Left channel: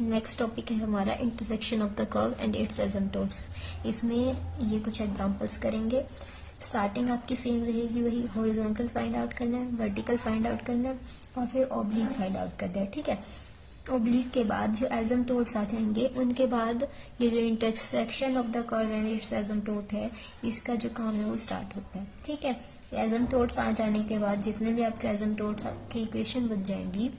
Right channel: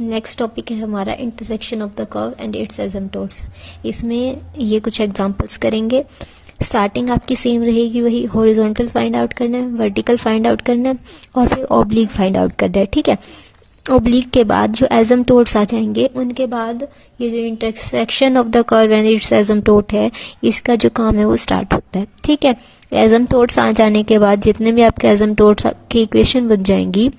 Next topic है हमारा intersection of the curve and its asymptotes. इसमें ये कुछ एग्जांपल्स करेंगे। स्टार्टिंग आपकी सेम रहेगी, वही हॉरिजॉन्टल फाइंड आउट करना है, वर्टिकल फाइंड आउट करना है और फिर ऑब्लिक फाइंड आउट करना है। ठीक है, ऑब्लिक के बाद जो एसिम्पटोट्स आ जाएंगे उनके बाद ये जो intersection of the curve and its asymptote है, इसका जो काम है वो स्टार्ट होता है। ठीक है, एसिम्पटोट्स आ जाने के बाद जितने भी आपके एसिम्पटोट्स की इक्वेशन बन जाएंगी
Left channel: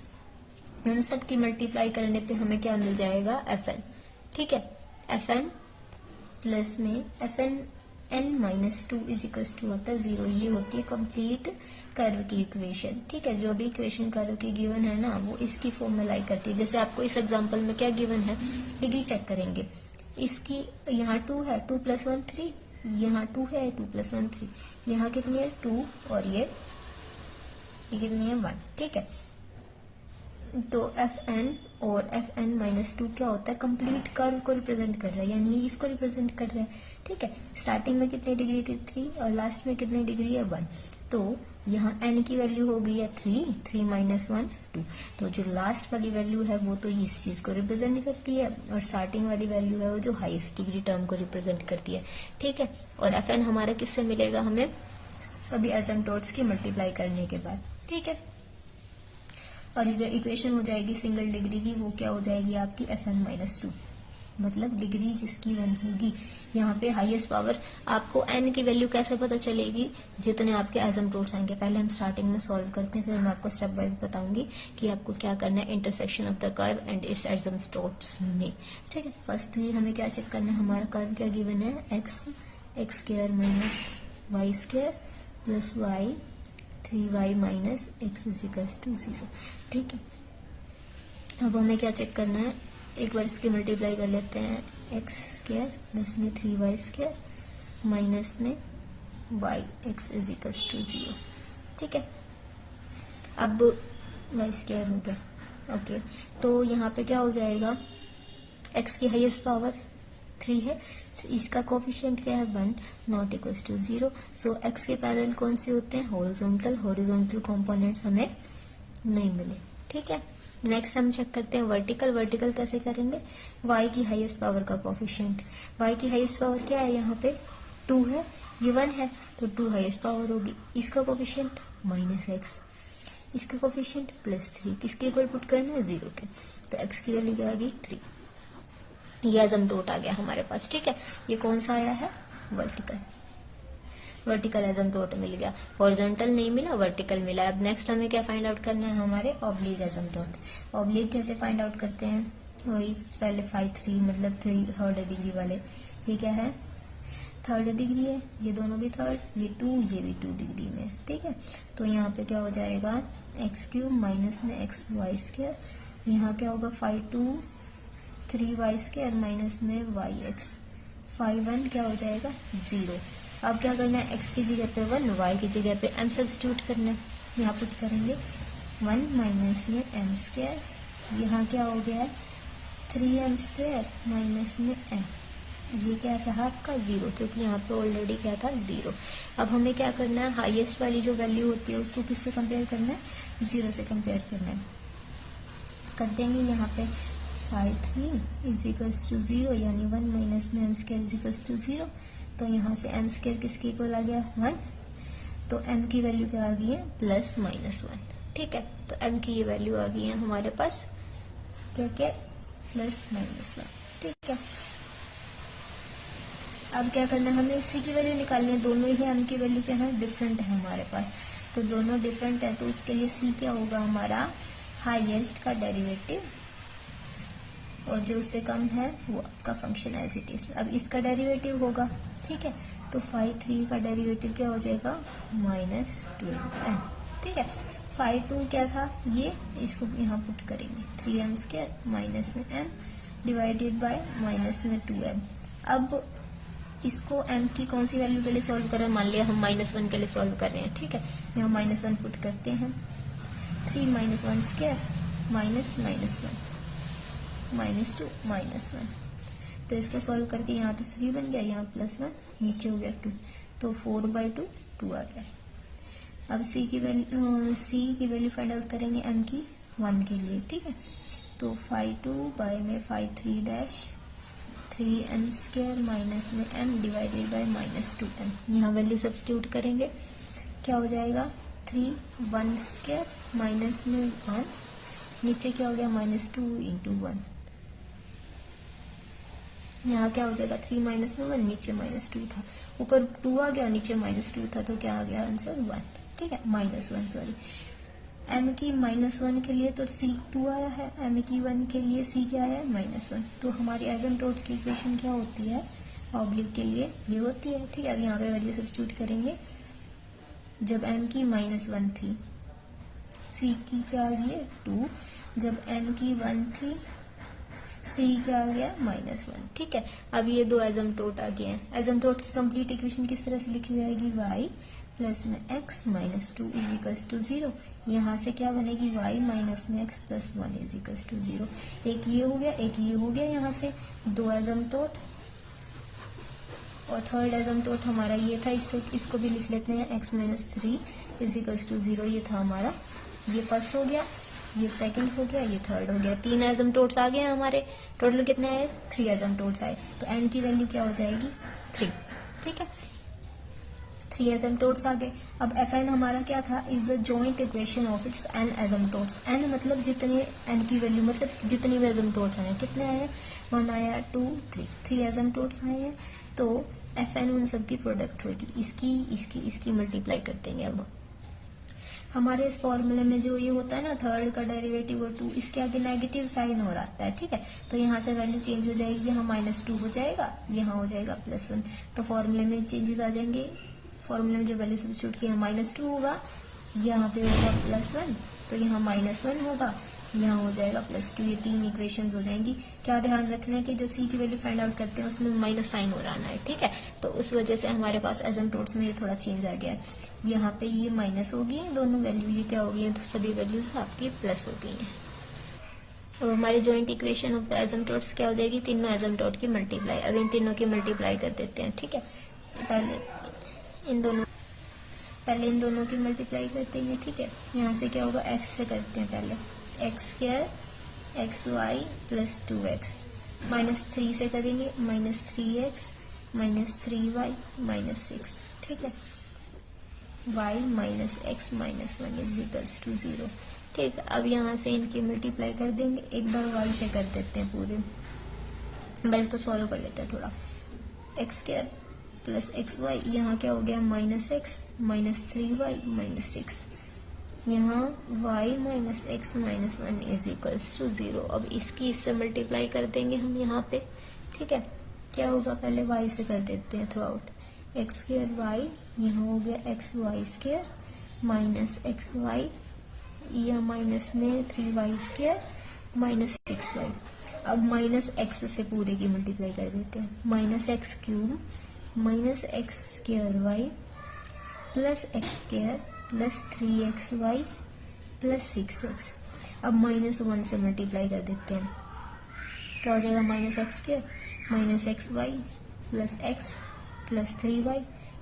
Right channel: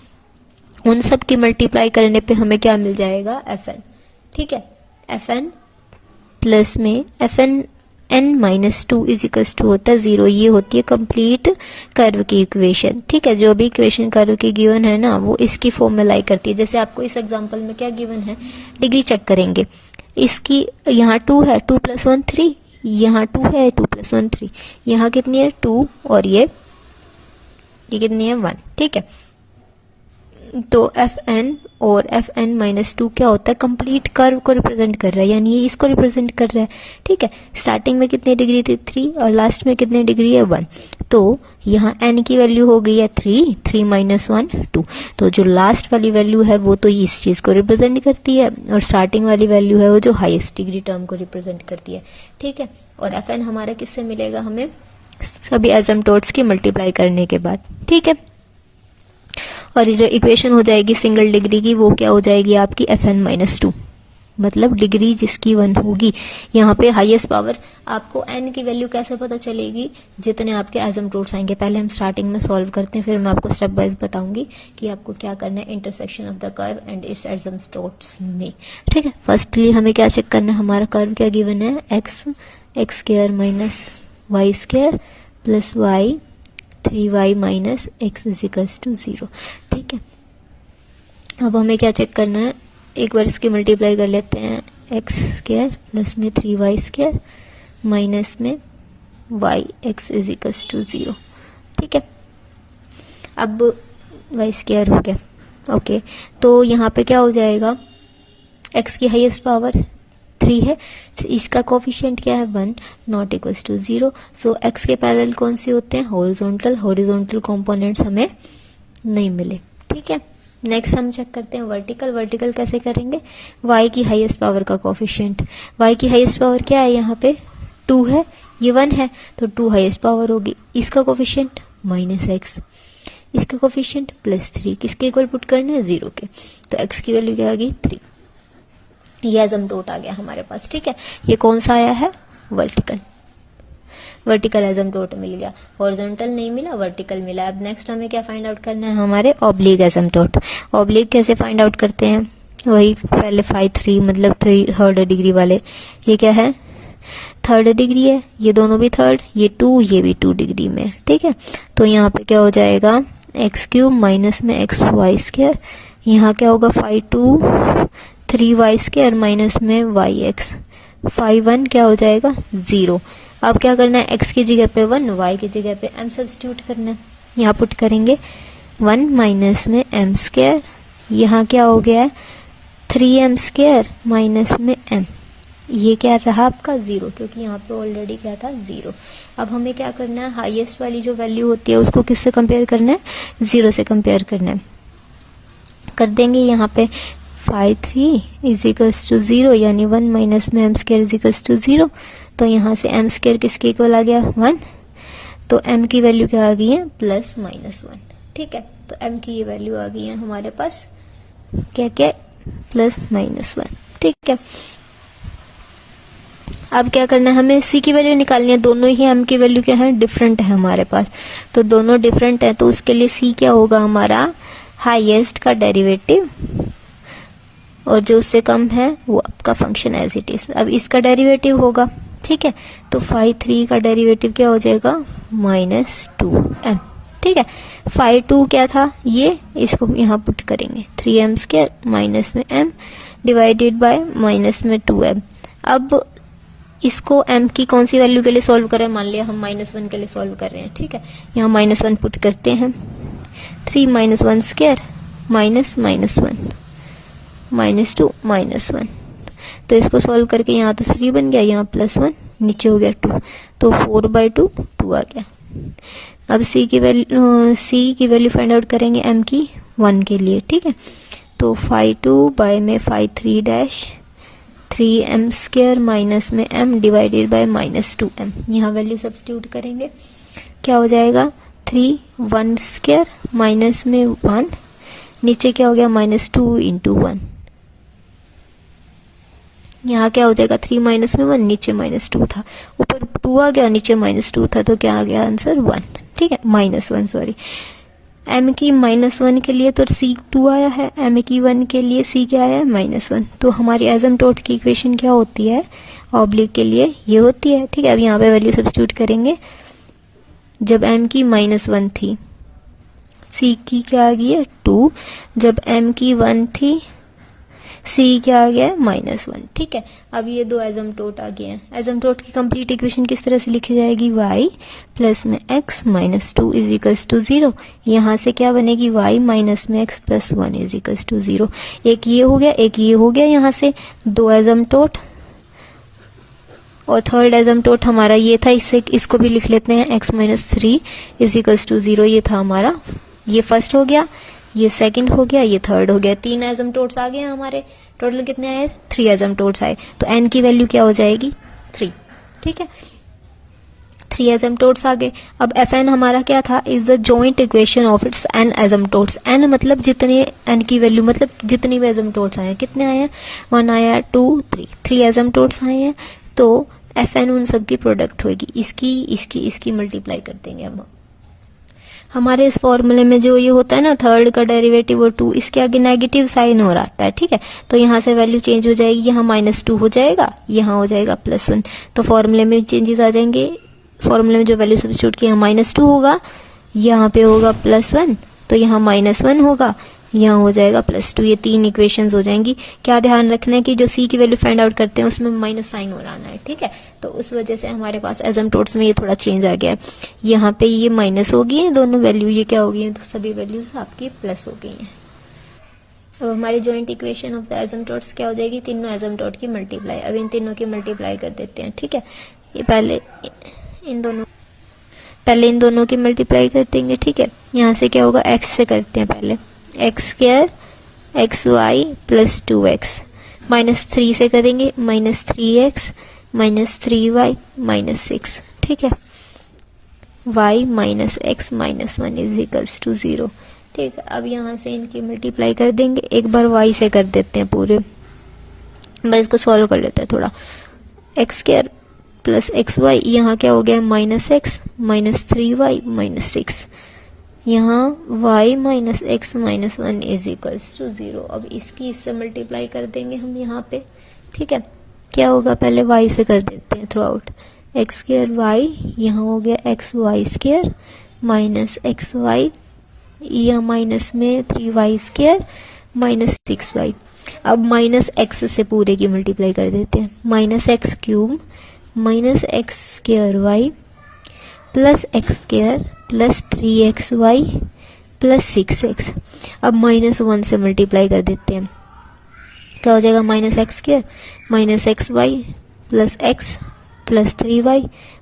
उन सब की मल्टीप्लाई करने पे हमें क्या मिल जाएगा, Fn। ठीक है, Fn प्लस में Fn n-2 is equals to होता है 0। ये होती है कंप्लीट कर्व की इक्वेशन। ठीक है, जो भी इक्वेशन कर्व की गिवन है ना वो इसकी फॉर्म में लाई करती है। जैसे आपको इस एग्जांपल में क्या गिवन है, डिग्री चेक करेंगे इसकी। यहाँ 2 है, 2 + 1 3, यहाँ 2 है, 2 + 1 3, यहाँ कितनी है 2 और ये कितनी है 1। ठीक है, तो Fn और Fn-2 क्या होता है, कंप्लीट कर्व को रिप्रेजेंट कर रहा है, यानी ये इसको रिप्रेजेंट कर रहा है। ठीक है, स्टार्टिंग में कितनी डिग्री थी 3 और लास्ट में कितनी डिग्री है 1। तो यहाँ n की वैल्यू हो गई है 3, 3 - 1 2। तो जो लास्ट वाली वैल्यू है वो तो इस चीज को रिप्रेजेंट करती है और स्टार्टिंग वाली वैल्यू है वो जो हाईएस्ट डिग्री टर्म को रिप्रेजेंट करती है। ठीक है, और Fn हमारा किससे मिलेगा, हमें सभी एसिम्पटोट्स की मल्टीप्लाई करने के बाद। ठीक है, और ये जो इक्वेशन हो जाएगी सिंगल डिग्री की वो क्या हो जाएगी आपकी Fn-2, मतलब डिग्री जिसकी 1 होगी। यहाँ पे हाईएस्ट पावर आपको n की वैल्यू कैसे पता चलेगी, जितने आपके एसिम्पटोट्स आएंगे। पहले हम स्टार्टिंग में सॉल्व करते हैं, फिर मैं आपको स्टेप वाइज बताऊंगी कि आपको क्या करना है intersection of the curve and its asymptotes में। ठीक है, फर्स्टली हमें क्या चेक करना है, हमारा कर्व क्या गिवन है, x² - y² + y 3y - x = 0। ठीक है, अब हमें क्या चेक करना है, एक बार इसकी मल्टीप्लाई कर लेते हैं, x² प्लस में 3y² माइनस में yx = 0। ठीक है, अब y² हो गया। ओके, तो यहाँ पे क्या हो जाएगा, x की हाईएस्ट पावर 3 है, इसका कोफिशिएंट क्या है 1, not equals to 0। So x के पैरेलल कौन से होते हैं, हॉरिजॉन्टल कंपोनेंट्स हमें नहीं मिले। ठीक है, नेक्स्ट हम चेक करते हैं वर्टिकल कैसे करेंगे, y की हाईएस्ट पावर का कोफिशिएंट। y की हाईएस्ट पावर क्या है, यहाँ पे 2 है, ये 1 है, तो 2 हाईएस्ट पावर होगी। इसका कोफिशिएंट -x, इसका कोफिशिएंट +3, किसके इक्वल पुट करना है 0 के, तो x की वैल्यू क्या आ गई 3। ये एसिम्पटोट आ गया हमारे पास। ठीक है, ये कौन सा आया है, वर्टिकल एसिम्पटोट मिल गया, हॉरिजॉन्टल नहीं मिला, वर्टिकल मिला। अब नेक्स्ट हमें क्या फाइंड आउट करना है, हमारे ऑब्लिक एसिम्पटोट। ऑब्लिक कैसे फाइंड आउट करते हैं, वही पहले 5 3 मतलब 3rd डिग्री वाले, ये क्या है 3rd डिग्री है, ये दोनों भी 3rd, ये 2, ये भी 2 डिग्री में। ठीक है, तो यहाँ पे क्या हो जाएगा x³ माइनस में xy², यहाँ क्या होगा 5 2 3y² माइनस में yx, 5 1 क्या हो जाएगा 0। अब क्या करना है, x की जगह पे 1, y की जगह पे m सब्स्टिट्यूट करना है। यहाँ पुट करेंगे 1 माइनस में m², यहाँ क्या हो गया है 3m² माइनस में m, ये क्या रहा आपका 0, क्योंकि यहाँ पे ऑलरेडी क्या था 0। अब हमें क्या करना है, हाईएस्ट वाली जो वैल्यू होती है उसको किससे कंपेयर करना है, 0 से कंपेयर करना है। कर देंगे यहाँ पे 5 3 = 0, यानी 1 माइनस में m² = 0। तो यहाँ से m² किसके इक्वल आ गया 1, तो m की वैल्यू क्या आ गई है +-1। ठीक है, तो m की ये वैल्यू आ गई है हमारे पास क्या क्या +-1। ठीक है, अब क्या करना है, हमें c की वैल्यू निकालनी है। दोनों ही m की वैल्यू क्या है, डिफरेंट है हमारे पास, तो दोनों डिफरेंट है, तो उसके लिए c क्या होगा हमारा हाईएस्ट का डेरिवेटिव, और जो उससे कम है वो आपका फंक्शन एज इट इज। अब इसका डेरिवेटिव होगा। ठीक है, तो 5 3 का डेरिवेटिव क्या हो जाएगा -2m। ठीक है, 5 2 क्या था, ये इसको यहाँ पुट करेंगे 3m² माइनस में m डिवाइडेड बाय माइनस में 2m। अब इसको m की कौन सी वैल्यू के लिए सॉल्व करें, मान लिया हम -1 के लिए सॉल्व कर रहे हैं। ठीक है, यहाँ -1 पुट करते हैं, 3 - 1² माइनस -1 -2 -1, तो इसको सॉल्व करके यहाँ तो 3 बन गया, यहाँ +1, नीचे हो गया 2, तो 4/2 2 आ गया। अब c की वैल्यू फाइंड आउट करेंगे m की 1 के लिए। ठीक है, तो फाई 2 बाय में phi 3 dash 3m square minus में m डिवाइडेड बाय -2m। यहाँ वैल्यू सब्स्टिट्यूट करेंगे, क्या हो जाएगा 3 1 स्क्वायर माइनस में 1, नीचे क्या हो गया -2 इंटू 1। यहाँ क्या हो जाएगा 3 माइनस में 1, नीचे -2 था, ऊपर 2 आ गया, नीचे -2 था, तो क्या आ गया आंसर 1। ठीक है, -1 सॉरी। m की -1 के लिए तो c2 आया है, m की 1 के लिए c क्या आया है -1। तो हमारी एसिम्प्टोट की इक्वेशन क्या होती है ऑब्लिक के लिए, ये होती है। ठीक है, अब यहाँ पे वैल्यू सब्स्टिट्यूट करेंगे। जब m की -1 थी, c की क्या आ गई है 2, जब m की 1 थी, c क्या आ गया है -1। ठीक है, अब ये दो एसिम्प्टोट आ गए हैं। एसिम्प्टोट की कंप्लीट इक्वेशन किस तरह से लिखी जाएगी, y प्लस में x -2 इज इक्वल्स टू 0। यहाँ से क्या बनेगी y माइनस में x plus 1 is equals to 0। एक ये हो गया, एक ये हो गया, यहाँ से दो एसिम्प्टोट। और थर्ड एसिम्प्टोट हमारा ये था, इससे इसको भी लिख लेते हैं x -3 इज इक्वल्स टू 0। ये था हमारा, ये फर्स्ट हो गया, ये सेकंड हो गया, ये थर्ड हो गया। 3 एसिम्प्टोट्स आ गए हमारे, टोटल कितने आए 3 एसिम्प्टोट्स आए। तो n की वैल्यू क्या हो जाएगी 3। ठीक है, 3 एसिम्प्टोट्स आ गए। अब Fn हमारा क्या था, is the joint equation of its n asymptotes. n मतलब जितने, n की वैल्यू मतलब जितने भी एसिम्प्टोट्स आए हैं, कितने आए हैं 1 आया 2 3 एसिम्प्टोट्स आए हैं। तो Fn उन सब की प्रोडक्ट होगी, इसकी मल्टीप्लाई कर देंगे हम। हमारे इस फॉर्मूले में जो ये होता है ना थर्ड का डेरिवेटिव और 2, इसके आगे नेगेटिव साइन हो रहा है। ठीक है, तो यहाँ से वैल्यू चेंज हो जाएगी, यहाँ -2 हो जाएगा, यहाँ हो जाएगा +1। तो फॉर्मूले में चेंजेस आ जाएंगे। फॉर्मूले में जो वैल्यू सब्स्टिट्यूट की, यहाँ -2 होगा, यहाँ पे होगा +1, तो यहाँ -1 होगा, यहाँ हो जाएगा +2। ये 3 इक्वेशंस हो जाएंगी। क्या ध्यान रखना है कि जो c की वैल्यू फाइंड आउट करते हैं उसमें माइनस साइन हो रहा है। ठीक है, तो उस वजह से हमारे पास एसिम्प्टोट्स में ये थोड़ा चेंज आ गया है। यहाँ पे ये माइनस हो गई है दोनों वैल्यू, ये क्या हो गई है, तो सभी वैल्यूज आपकी प्लस हो गई हैं। अब हमारी joint equation of the asymptotes क्या हो जाएगी, तीनों एसिम्प्टोट की मल्टीप्लाई। अब इन तीनों की मल्टीप्लाई कर देते हैं। ठीक है, ये पहले इन दोनों की मल्टीप्लाई कर देंगे। ठीक है, यहाँ से क्या होगा, x से करते हैं पहले, x² xy प्लस 2x, -3 से करेंगे, -3x -3y -6। ठीक है, y minus x -1 is equals to 0। ठीक है, अब यहाँ से इनकी मल्टीप्लाई कर देंगे। एक बार y से कर देते हैं पूरे, बस इसको सॉल्व कर लेते हैं थोड़ा। x² प्लस xy, यहाँ क्या हो गया -x -3y -6, यहाँ y minus x -1 is equals to 0। अब इसकी इससे मल्टीप्लाई कर देंगे हम यहाँ पे। ठीक है, क्या होगा, पहले y से कर देते हैं थ्रू आउट, x² y, यहाँ हो गया xy² माइनस xy, यहाँ माइनस में 3y² माइनस 6y। अब -x से पूरे की मल्टीप्लाई कर देते हैं, -x³ minus x² y plus x² plus 3xy plus 6x। अब -1 से मल्टीप्लाई कर देते हैं, क्या हो जाएगा, -x² minus xy plus x plus 3y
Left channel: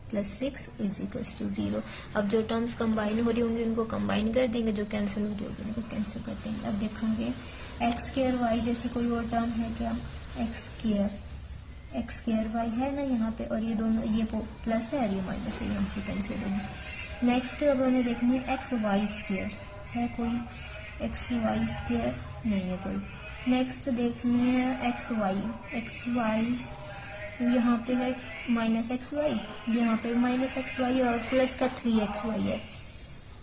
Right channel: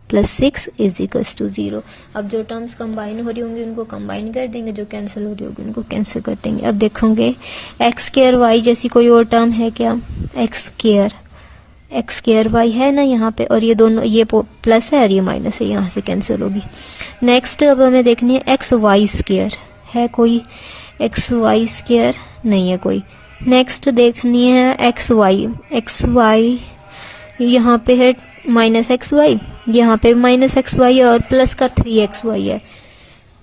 plus 6 is equals to 0। अब जो टर्म्स कंबाइन हो रही होंगी उनको कंबाइन कर देंगे, जो कैंसिल हो रही होगी उनको कैंसिल कर देंगे। अब देखोगे x² y जैसी कोई और टर्म है क्या, x² y है ना यहाँ पे, और ये दोनों, ये प्लस है और ये माइनस है, यहाँ से कैंसिल होगी। नेक्स्ट अब हमें देखनी है xy², है कोई xy² नहीं है कोई। नेक्स्ट देखनी है xy यहाँ पे है -xy, यहाँ पे -xy और प्लस का 3xy है।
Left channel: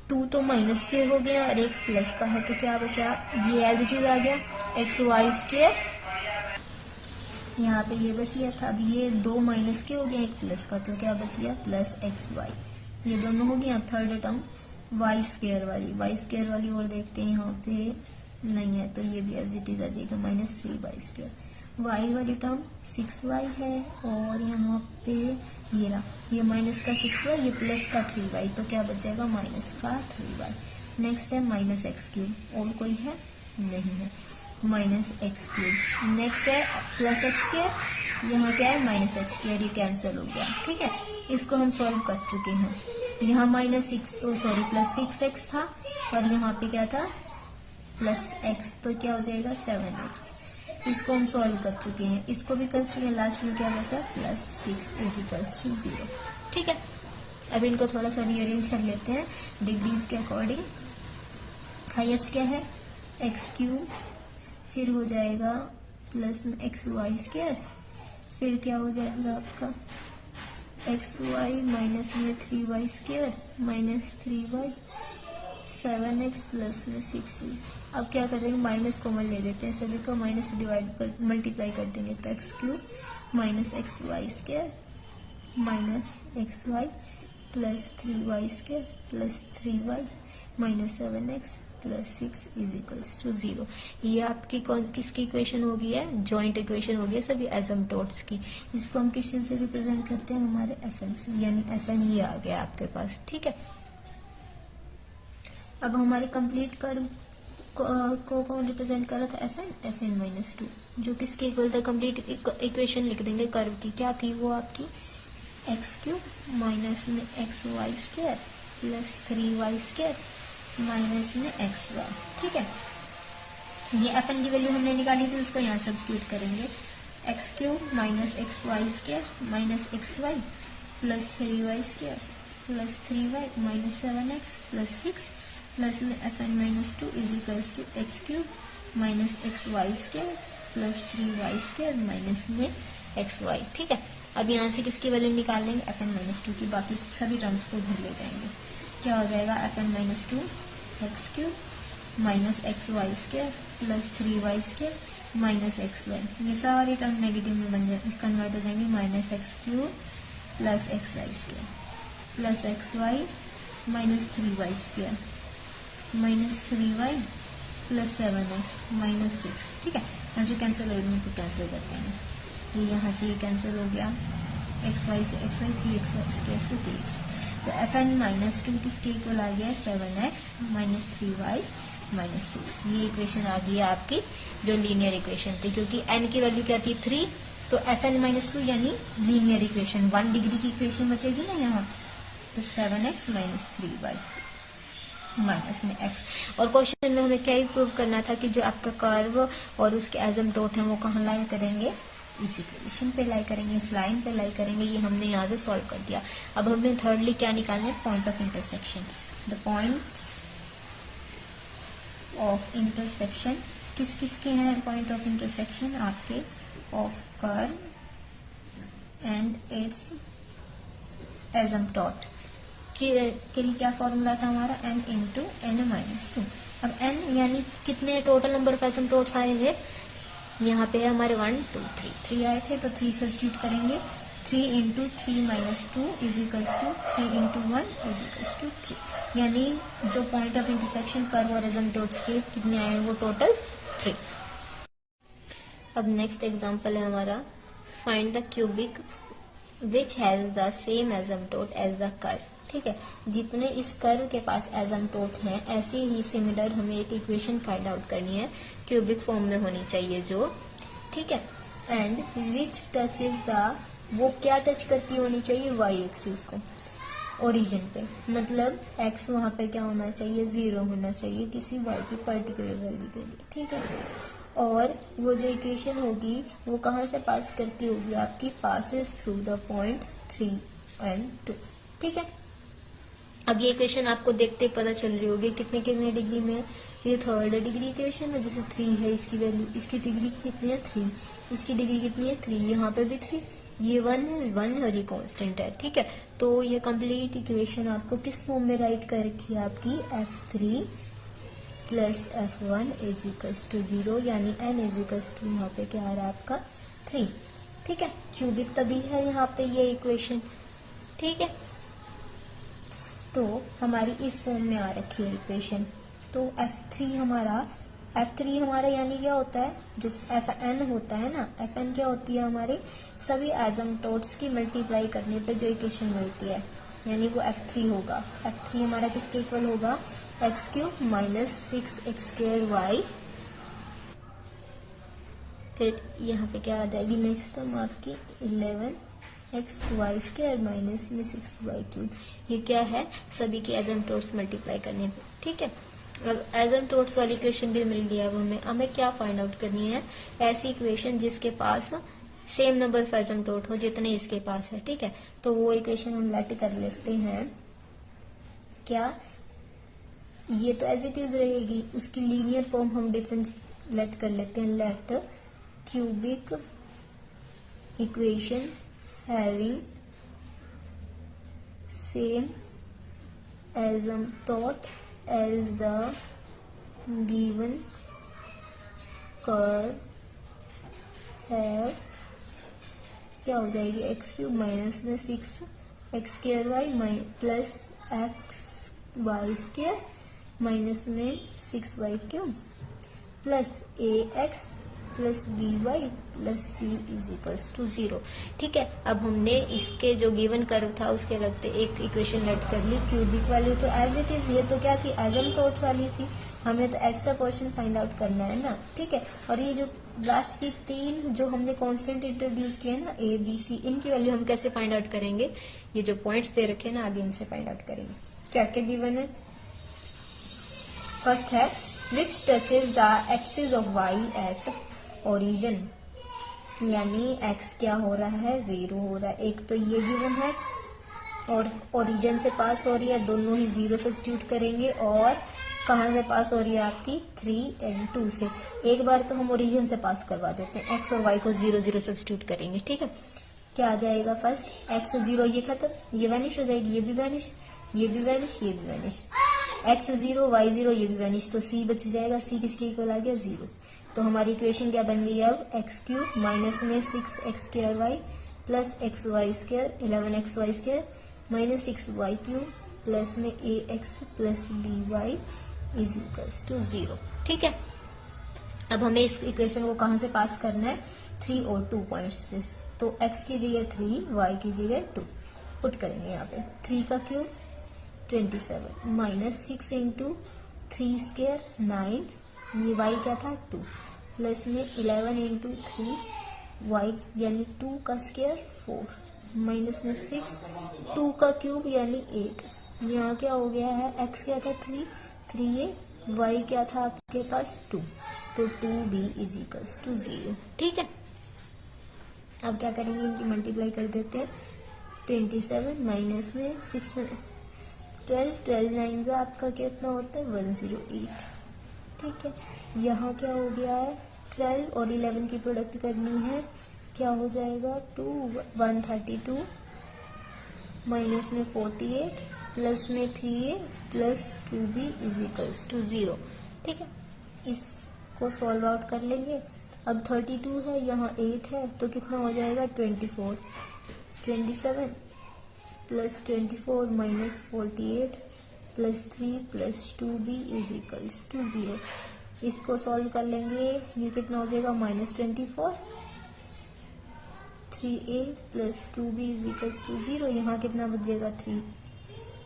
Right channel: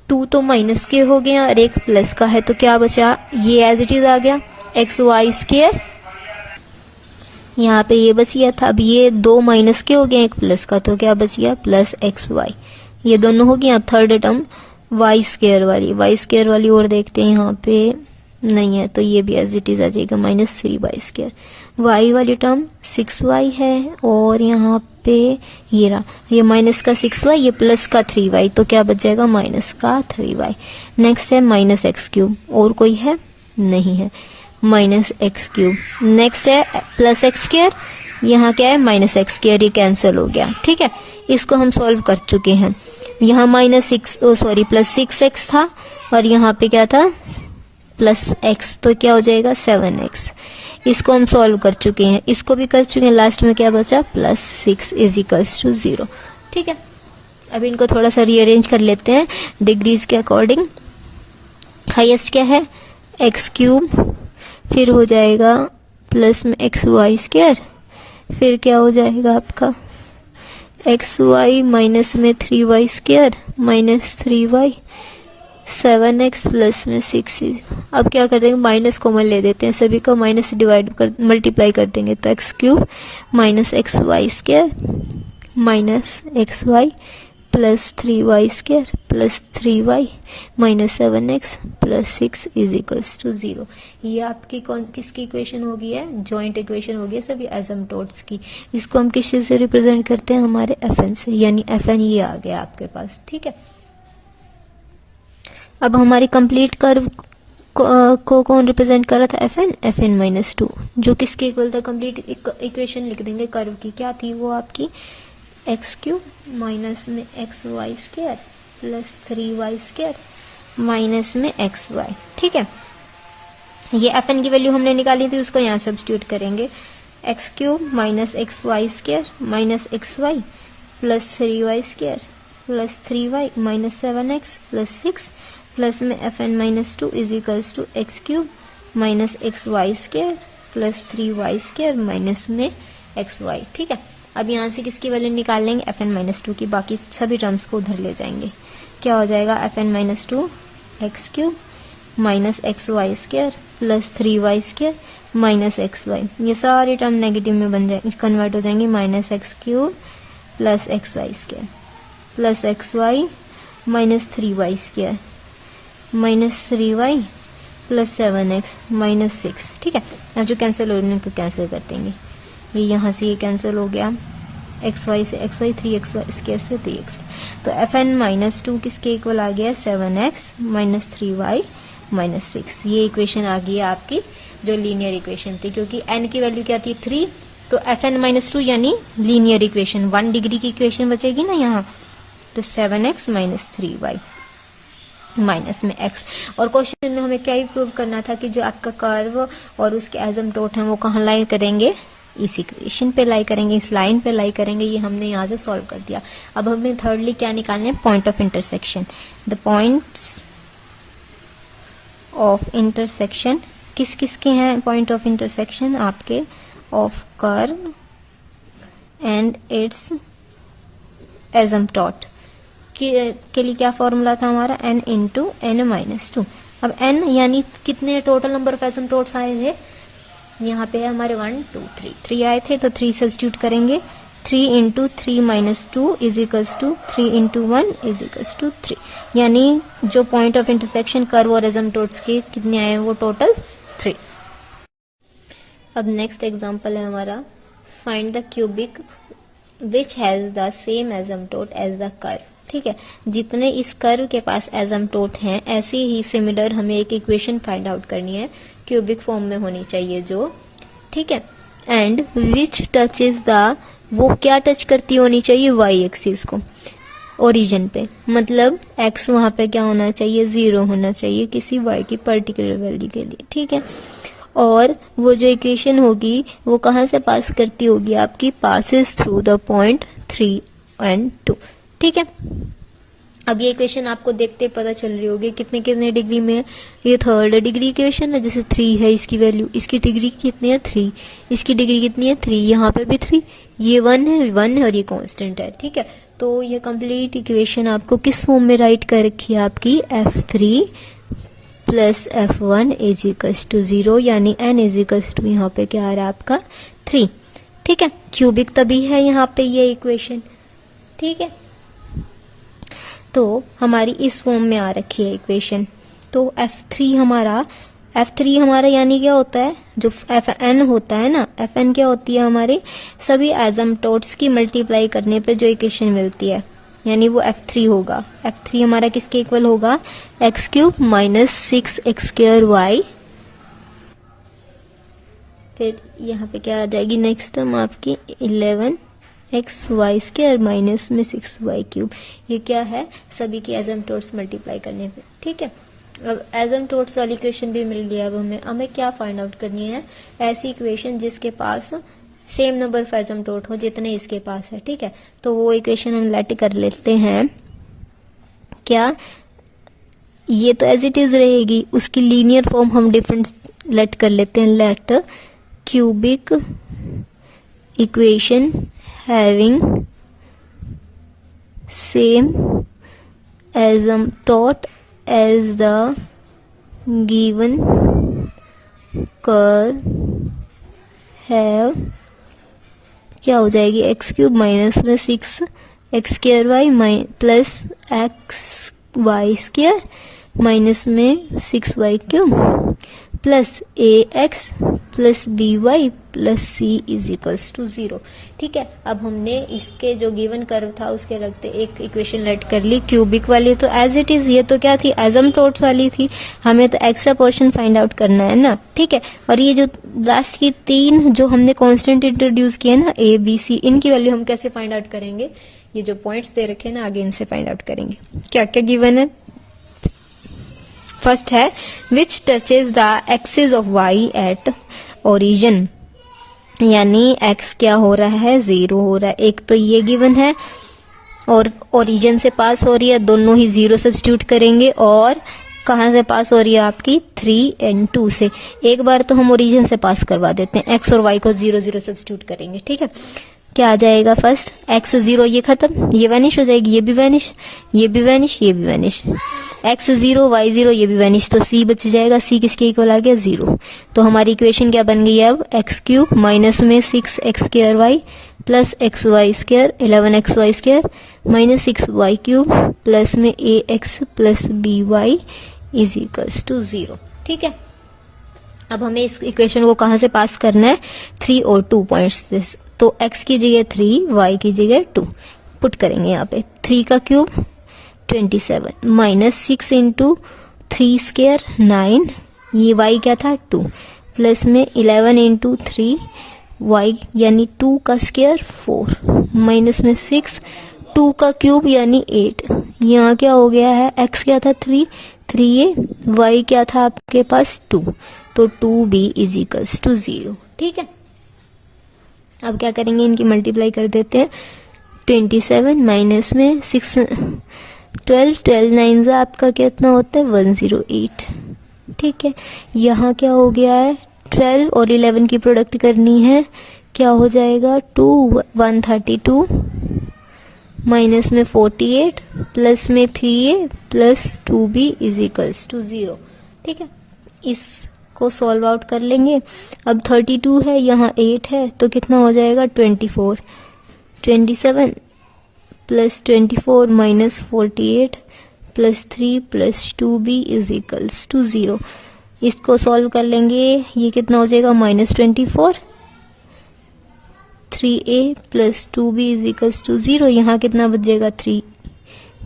2 तो माइनस के हो गए और एक प्लस का है, तो क्या बचा, ये एज इट इज आ गया xy², यहाँ पे ये बच गया था। अब ये 2 माइनस के हो गए, एक प्लस का, तो क्या बच गया प्लस xy, ये दोनों हो गए। अब थर्ड टर्म y² वाली और देखते हैं, यहाँ पे नहीं है, तो ये भी एज इट इज आ जाएगा -3y²। y वाली टर्म 6y है, और यहाँ पे ये रहा, ये माइनस का 6y, ये प्लस का 3y, तो क्या बच जाएगा माइनस का 3y। नेक्स्ट है -x³, और कोई है नहीं है, -x³। नेक्स्ट है प्लस x², यहाँ क्या है -x², ये कैंसिल हो गया। ठीक है, इसको हम सॉल्व कर चुके हैं। यहाँ प्लस 6x था, और यहाँ पे क्या था प्लस एक्स, तो क्या हो जाएगा 7x। इसको हम सॉल्व कर चुके हैं, इसको भी कर चुके हैं, लास्ट में क्या बचा प्लस 6 इज इक्वल्स टू 0। ठीक है, अब इनको थोड़ा सा रीअरेंज कर लेते हैं डिग्रीज के अकॉर्डिंग। हाईएस्ट क्या है एक्स क्यूब, फिर हो जाएगा प्लस में एक्स वाई स्क्वायर, फिर क्या हो जाएगा आपका एक्स वाई माइनस में 3y square minus 3y 7x plus में 6। अब क्या कर देंगे माइनस कॉमन ले देते हैं, सभी को माइनस से डिवाइड कर मल्टीप्लाई कर देंगे, तो x cube minus x y square minus x y plus 3y square plus 3y minus 7x plus 6 is equals to 0। ये आपकी किसकी इक्वेशन हो गई है, जॉइंट इक्वेशन हो गई है सभी एसिम्प्टोट्स की। इसको हम किस चीज से रिप्रेजेंट करते हैं, हमारे fn से, यानी fn ये आ गया आपके पास। ठीक है, अब हमारी कंप्लीट कर्व को कौन रिप्रेजेंट कर रहा था, fn माइनस 2, जो किसके इक्वल था, कंप्लीट इक्वेशन लिख देंगे कर्व की, क्या थी वो आपकी एक्स क्यूब माइनस में x y square plus 3y square minus में एक्स वाई। ठीक है, ये fn की वैल्यू हमने निकाली थी, उसको यहाँ सब्स्टिट्यूट करेंगे, x cube minus x y square minus x y plus 3y square plus 3y minus 7x plus 6 plus में fn minus 2 is equals to x cube minus x y square plus 3y square minus में x y. ठीक है, अब यहाँ से किसकी value निकाल लेंगे fn माइनस 2 की, बाकी सभी टर्म्स को उधर ले जाएंगे। क्या हो जाएगा fn minus 2 x cube minus x y square plus 3y square minus x y, ये सारे टर्म नेगेटिव में बन जाए कन्वर्ट हो जाएंगे, minus x cube plus x y square plus x y minus 3y square minus 3y plus 7x minus 6। ठीक है, अब जो कैंसिल हो रहे हैं उनको कैंसिल कर देंगे, ये यहाँ से ये कैंसिल हो गया, एक्स वाई से x y 3x y square से 3x, तो fn माइनस 2 किसके इक्वल आ गया 7x माइनस 3y माइनस 6। ये इक्वेशन आ गई है आपकी जो लीनियर इक्वेशन थी, क्योंकि n की वैल्यू क्या थी 3, तो fn माइनस 2 यानी लीनियर इक्वेशन 1 डिग्री की इक्वेशन बचेगी ना यहाँ, तो 7x माइनस 3y माइनस में x। और क्वेश्चन में हमें क्या ही प्रूव करना था कि जो आपका कर्व और उसके एसिम्प्टोट हैं वो कहाँ लाई करेंगे, इस इक्वेशन पे लाई करेंगे, इस लाइन पे लाई करेंगे। ये हमने यहाँ से सॉल्व कर दिया। अब हमें थर्डली क्या निकालना है, point of intersection. The points of intersection किस किस के हैं पॉइंट ऑफ इंटरसेक्शन आपके, of curve and it's asymptote के लिए क्या फॉर्मूला था हमारा, n इंटू एन माइनस 2। अब n यानी कितने टोटल नंबर ऑफ एसिम्प्टोट्स आए थे, यहाँ पे हमारे 1 2 3 आए थे, तो 3 सब्स्टिट्यूट करेंगे, 3 into 3 minus 2 is equals to 3 into 1 is equals to 3, यानी जो पॉइंट ऑफ इंटरसेक्शन कर्व और एसिम्प्टोट्स के कितने आए हैं वो टोटल 3। अब नेक्स्ट एग्जांपल है हमारा, find the cubic which has the same asymptote as the curve. ठीक है, जितने इस कर्व के पास एसिम्प्टोट हैं ऐसे ही सिमिलर हमें एक इक्वेशन फाइंड आउट करनी है, क्यूबिक फॉर्म में होनी चाहिए जो। ठीक है, and which touch is the, वो क्या टच करती होनी चाहिए, वाई एक्सिस को, ओरिजिन पे, मतलब एक्स वहां पे क्या होना चाहिए, 0 होना चाहिए किसी वाई की पर्टिकुलर वैल्यू के लिए। ठीक है, और वो जो इक्वेशन होगी वो कहाँ से पास करती होगी आपकी, passes through the point 3 and 2। ठीक है, अब ये इक्वेशन आपको देखते पता चल रही होगी कितने कितने डिग्री में है, ये थर्ड डिग्री इक्वेशन है, जैसे 3 है इसकी वैल्यू, इसकी डिग्री कितनी है 3, इसकी डिग्री कितनी है 3, यहाँ पे भी 3, ये 1 है और ये कांस्टेंट है। ठीक है, तो ये कंप्लीट इक्वेशन आपको किस फॉर्म में राइट कर रखी है आपकी, f3 plus f1 is equals to 0, यानी n इज इक्वल्स टू यहाँ पे क्या आ रहा है आपका 3। ठीक है, क्यूबिक तभी है यहाँ पे ये इक्वेशन। ठीक है, तो हमारी इस फॉर्म में आ रखी है इक्वेशन, तो f3 हमारा यानी क्या होता है, जो fn होता है ना, fn क्या होती है, हमारे सभी एसिम्प्टोट्स की मल्टीप्लाई करने पे जो इक्वेशन मिलती है, यानी वो f3 होगा। f3 हमारा किसके इक्वल होगा, x cube minus 6x square y, फिर यहाँ पे क्या आ जाएगी नेक्स्ट टर्म आपकी 11x वाई स्क्वायर माइनस में 6y क्यूब। ये क्या है, सभी के एसिम्प्टोट्स मल्टीप्लाई करने पे। ठीक है, अब एसिम्पटोट्स वाली इक्वेशन भी मिल गया। अब हमें क्या फाइंड आउट करनी है, ऐसी इक्वेशन जिसके पास सेम नंबर ऑफ एसिम्पटोट हो जितने इसके पास है। ठीक है, तो वो इक्वेशन हम लेट कर लेते हैं। क्या ये तो एज इट इज रहेगी, उसकी लीनियर फॉर्म हम डिफरेंट लेट कर लेते हैं। Let cubic equation having same asymptote as the given curve have, क्या हो जाएगी, एक्स क्यूब माइनस में 6x square y plus x y square minus में 6y cube plus ax plus by plus c is equals to 0। ठीक है, अब हमने इसके जो गिवन कर्व था उसके लगते एक इक्वेशन लेट कर ली क्यूबिक वाली, तो एज इट इज ये तो क्या थी, एसिम्पटोट्स वाली थी। हमें तो एक्स्ट्रा पोर्शन फाइंड आउट करना है ना। ठीक है, और ये जो लास्ट की 3 जो हमने कांस्टेंट इंट्रोड्यूस किए ना a b c, इनकी वैल्यू हम कैसे फाइंड आउट करेंगे, ये जो पॉइंट्स दे रखे हैं ना आगे इनसे फाइंड आउट करेंगे। क्या क्या गिवन है, फर्स्ट है which touches the axis of y at origin, यानी x क्या हो रहा है, 0 हो रहा है। एक तो ये गिवन है और ओरिजिन से पास हो रही है, दोनों ही 0 सब्स्टिट्यूट करेंगे। और कहाँ से पास हो रही है आपकी, 3 and 2 से। एक बार तो हम ओरिजिन से पास करवा देते हैं, x और y को 0 0 सब्स्टिट्यूट करेंगे। ठीक है, क्या आ जाएगा, फर्स्ट x 0, ये खत्म, ये वैनिश हो जाएगी, ये भी वैनिश, ये भी वैनिश, ये भी वैनिश, x 0 y 0, ये भी वैनिश, तो c बच जाएगा। c किसके इक्वल आ गया, 0। तो हमारी इक्वेशन क्या बन गई है अब, x क्यूब माइनस में 6x square y plus x y square 11xy square minus 6y cube plus में ax plus by is equals to 0। ठीक है, अब हमें इस इक्वेशन को कहाँ से पास करना है, 3 और 2 पॉइंट्स। तो x की जगह 3, y की जगह 2 पुट करेंगे यहाँ पे। 3 का क्यूब 27 माइनस 6 इंटू 3 स्क्वायर 9, ये y क्या था 2 प्लस में 11 इंटू 3 y यानी 2 का स्क्वायर 4 माइनस में 6 2 का क्यूब यानी 8। यहाँ क्या हो गया है, x क्या था 3 3a, y क्या था आपके पास 2, तो 2b इज इक्वल्स टू 0। ठीक है, अब क्या करेंगे, इनकी मल्टीप्लाई कर देते हैं। 27 माइनस में 6 12 9 आपका कितना होता है 108। ठीक है, यहाँ क्या हो गया है, 12 और 11 की प्रोडक्ट करनी है, क्या हो जाएगा 2 132 माइनस में 48 प्लस में 3a plus 2b is equals to 0। ठीक है, इसको सॉल्व आउट कर लेंगे। अब 32 है, यहाँ 8 है, तो कितना हो जाएगा 24 27 plus 24 minus 48 plus 3 plus 2b is equals to 0। इसको सॉल्व कर लेंगे, ये कितना हो जाएगा -24 3a plus 2b is equals to 0। यहाँ कितना बचेगा 3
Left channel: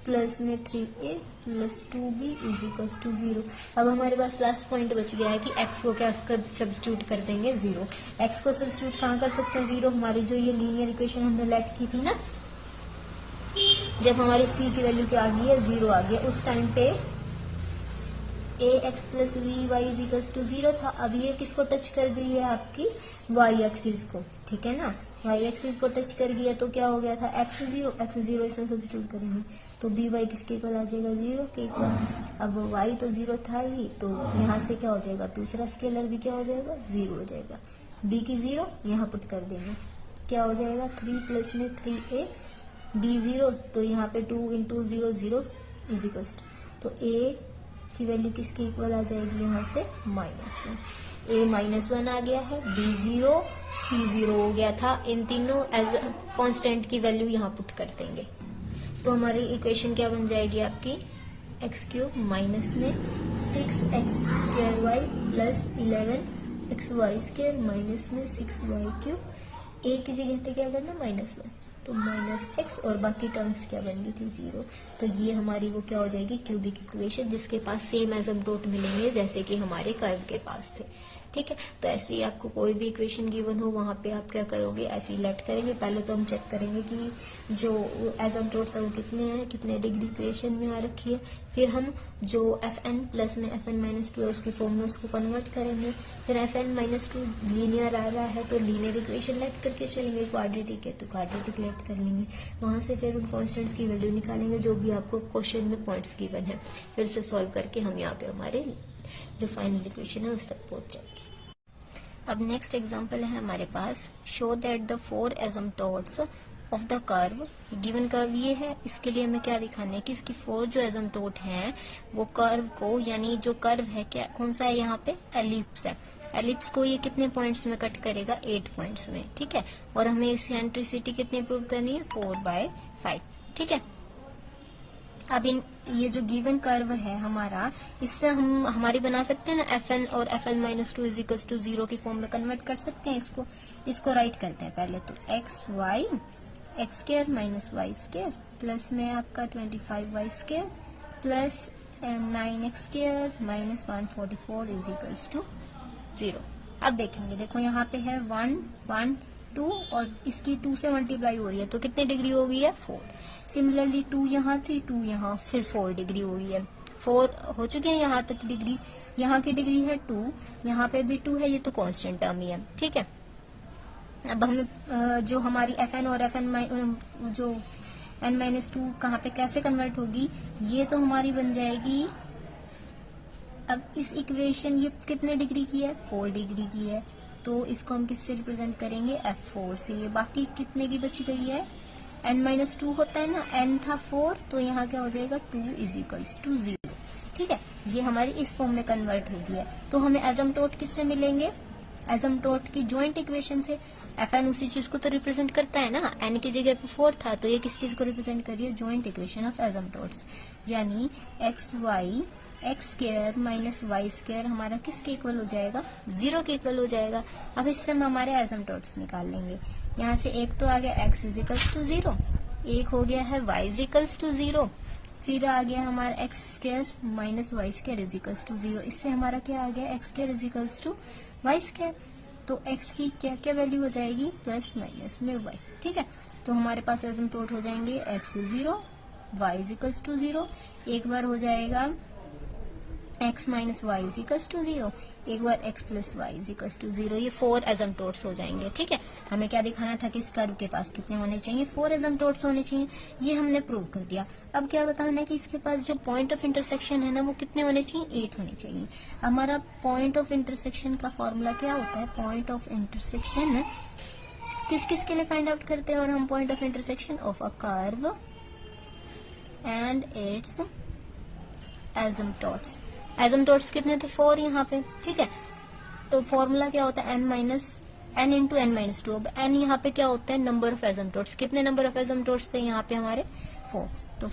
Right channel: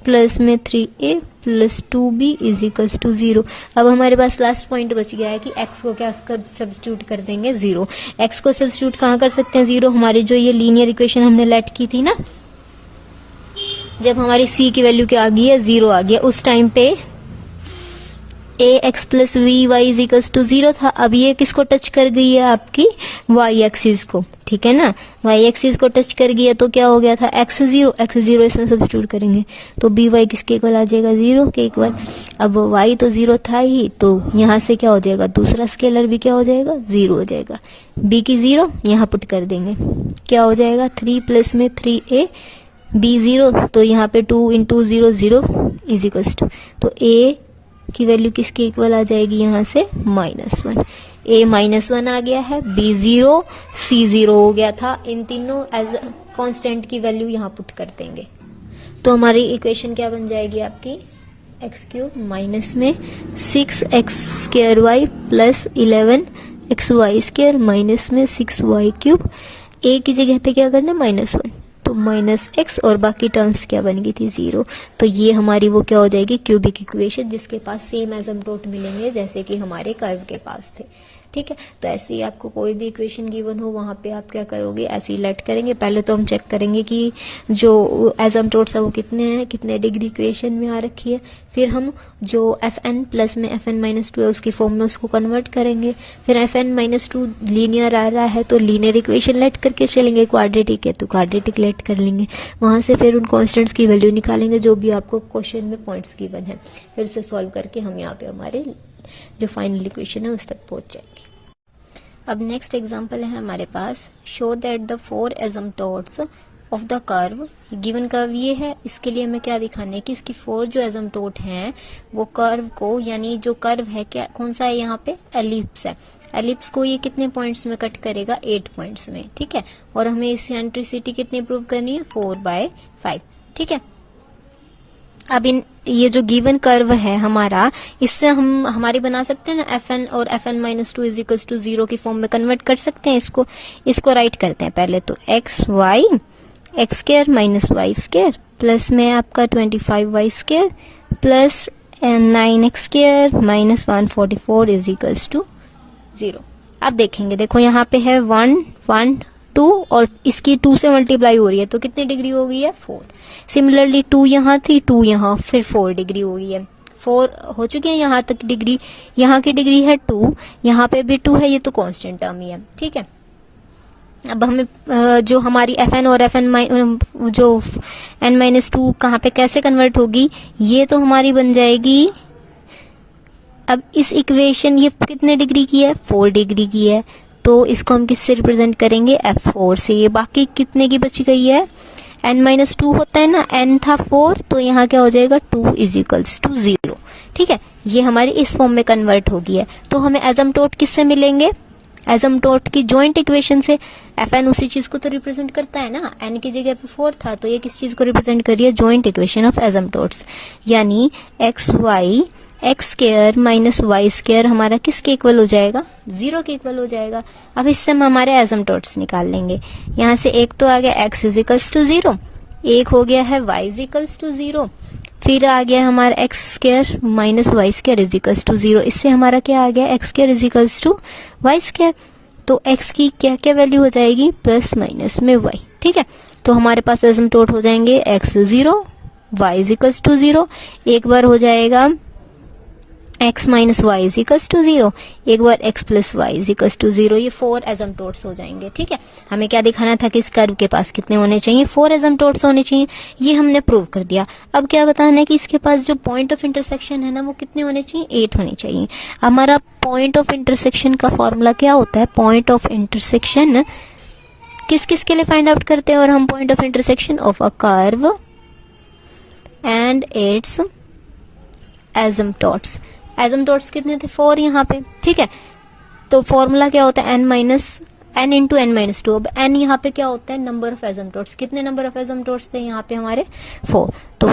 प्लस में 3a plus 2b is equals to 0। अब हमारे पास लास्ट पॉइंट बच गया है कि x को क्या सब्स्टिट्यूट कर देंगे 0। x को सब्स्टिट्यूट कहाँ कर सकते हैं 0, हमारी जो ये लीनियर इक्वेशन हमने लेट की थी ना, जब हमारी c की वैल्यू क्या आ गई है 0 आ गया, उस टाइम पे ax plus v y is equals to 0 था। अब ये किसको टच कर गई है आपकी y एक्सिस को, ठीक है ना, y एक्सिस को टच कर गई है, तो क्या हो गया था x 0 इसमें सब्स्टिट्यूट करेंगे तो बी वाई किसके इक्वल आ जाएगा 0 के इक्वल। अब y तो 0 था ही, तो यहाँ से क्या हो जाएगा, दूसरा स्केलर भी क्या हो जाएगा 0 हो जाएगा। b की 0 यहाँ पुट कर देंगे, क्या हो जाएगा 3 प्लस में 3a b 0, तो यहाँ पे 2 इंटू 0 0 इज इक्वल्स टू, तो a की वैल्यू किसके इक्वल आ जाएगी यहाँ से -1। a -1 आ गया है, b 0 c 0 हो गया था। इन तीनों एज कांस्टेंट की वैल्यू यहाँ पुट कर देंगे, तो हमारी इक्वेशन क्या बन जाएगी आपकी x क्यूब माइनस में 6x square y plus 11xy square minus में 6y क्यूब। a की जगह पे क्या करना है -1, तो -x और बाकी टर्म्स क्या बन गई थी 0। तो ये हमारी वो क्या हो जाएगी क्यूबिक इक्वेशन, जिसके पास सेम एसिम्पटोट मिलेंगे जैसे कि हमारे कर्व के पास थे। ठीक है। तो ऐसे ही आपको कोई भी इक्वेशन गिवन हो वहाँ पे आप क्या करोगे, ऐसे ही लेट करेंगे। पहले तो हम चेक करेंगे कि जो एसिम्पटोट्स है वो कितने हैं, कितने डिग्री इक्वेशन में आ रखी है। फिर हम जो fn प्लस में fn-2 है उसकी फॉर्म में उसको कन्वर्ट करेंगे। फिर fn-2 लीनियर आ रहा है तो लीनियर इक्वेशन लेट करके चलेंगे, क्वाड्रेटिक है तो क्वाड्रेटिक लेट कर लेंगे। वहाँ से फिर उन कॉन्स्टेंट्स की वैल्यू निकालेंगे जो भी आपको क्वेश्चन में पॉइंट्स गिवन है। फिर से सॉल्व करके हम यहाँ पे हमारे जो फाइनल इक्वेशन है उस तक पहुँच जाएंगे। अब नेक्स्ट एग्जांपल है हमारे पास, show that the 4 asymptotes of the curve, given curve ये है, इसके लिए हमें क्या दिखाना है कि इसकी 4 जो एसिम्पटोट हैं वो कर्व को, यानी जो कर्व है क्या कौन सा है यहाँ पे, एलिप्स है। एलिप्स को ये कितने पॉइंट्स में कट करेगा, 8 पॉइंट्स में, ठीक है। और हमें इसकी एसेंट्रिसिटी कितनी प्रूव करनी है, 4/5, ठीक है। अब ये जो गिवन कर्व है हमारा, इससे हम हमारी बना सकते हैं ना fn और fn-2 इज इक्वल्स टू 0 की फॉर्म में कन्वर्ट कर सकते हैं। इसको राइट करते हैं पहले तो, xy x square minus y square plus में आपका 25y square plus 9x square minus 144 is equals to 0। अब देखेंगे, देखो यहाँ पे है 1 1 2 और इसकी 2 से मल्टीप्लाई हो रही है तो कितनी डिग्री हो गई है, 4। सिमिलरली 2 यहाँ थी, 2 यहाँ, फिर 4 डिग्री हो गई है, 4 हो चुकी है यहाँ तक डिग्री। यहाँ की डिग्री है 2, यहाँ पे भी 2 है, ये तो कांस्टेंट टर्म ही है, ठीक है। अब हमें जो हमारी fn और fn जो n-2 कहाँ पे कैसे कन्वर्ट होगी, ये तो हमारी बन जाएगी। अब इस इक्वेशन ये कितने डिग्री की है, 4 डिग्री की है, तो इसको हम किससे रिप्रेजेंट करेंगे, f4 से। ये बाकी कितने की बच गई है, n-2 होता है ना, n था 4 तो यहाँ क्या हो जाएगा, 2 इज इक्वल्स टू 0, ठीक है। ये हमारी इस फॉर्म में कन्वर्ट हो गई है। तो हमें एसिम्पटोट किससे मिलेंगे, एसिम्पटोट की जॉइंट इक्वेशन से। fn उसी चीज को तो रिप्रेजेंट करता है ना, n की जगह पे 4 था तो ये किस चीज को रिप्रेजेंट कर रही है, जॉइंट इक्वेशन ऑफ एसिम्पटोट्स, यानी xy x square minus y square हमारा किसके इक्वल हो जाएगा, 0 के इक्वल हो जाएगा। अब इससे हम हमारे एसिम्पटोट्स निकाल लेंगे। यहाँ से एक तो आ गया x इज इक्वल्स टू 0, एक हो गया है y इज इक्वल्स टू 0, फिर आ गया हमारा x square minus y square is equals to 0। इससे हमारा क्या आ गया, x square is equals to y square. तो x की क्या क्या वैल्यू हो जाएगी, प्लस माइनस में y, ठीक है। तो हमारे पास एसिम्पटोट हो जाएंगे x 0 y is equals to 0, एक बार हो जाएगा x minus y is equals to 0, एक बार x plus y is equals to 0। ये 4 एसिम्पटोट्स हो जाएंगे, ठीक है। हमें क्या दिखाना था कि इस कर्व के पास कितने होने चाहिए, 4 एसिम्पटोट्स होने चाहिए। ये हमने प्रूव कर दिया। अब क्या बताना है कि इसके पास जो पॉइंट ऑफ इंटरसेक्शन है ना वो कितने होने चाहिए, 8 होने चाहिए। हमारा पॉइंट ऑफ इंटरसेक्शन का फॉर्मूला क्या होता है, पॉइंट ऑफ इंटरसेक्शन किस किस के लिए फाइंड आउट करते हैं, और हम point of intersection of a curve and its asymptotes. Asymptotes कितने थे, 4 यहाँ पे, ठीक है। तो फॉर्मूला क्या होता है, n इंटू n-2। अब n यहाँ पे क्या होता है, नंबर ऑफ एसिम्पटोट्स। कितने नंबर ऑफ एसिम्पटोट्स थे यहाँ पे हमारे, 4। तो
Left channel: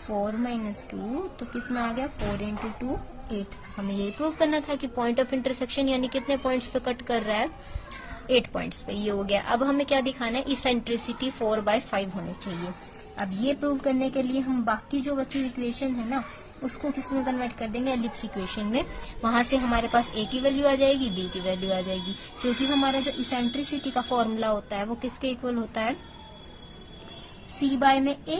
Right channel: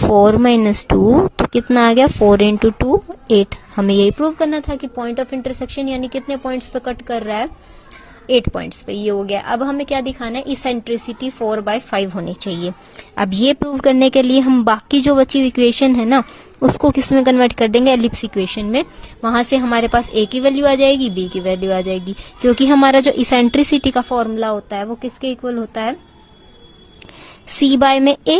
4 माइनस 2 तो कितना आ गया, 4 इंटू 2 8। हमें यही प्रूव करना था कि पॉइंट ऑफ इंटरसेक्शन यानी कितने पॉइंट्स पे कट कर रहा है, 8 पॉइंट्स पे। ये हो गया। अब हमें क्या दिखाना है, इसेंट्रिसिटी 4/5 होनी चाहिए। अब ये प्रूव करने के लिए हम बाकी जो बची इक्वेशन है ना उसको किस में कन्वर्ट कर देंगे, एलिप्स इक्वेशन में। वहां से हमारे पास a की वैल्यू आ जाएगी, b की वैल्यू आ जाएगी, क्योंकि हमारा जो इसेंट्रिसिटी का फॉर्मूला होता है वो किसके इक्वल होता है, c बाय में a।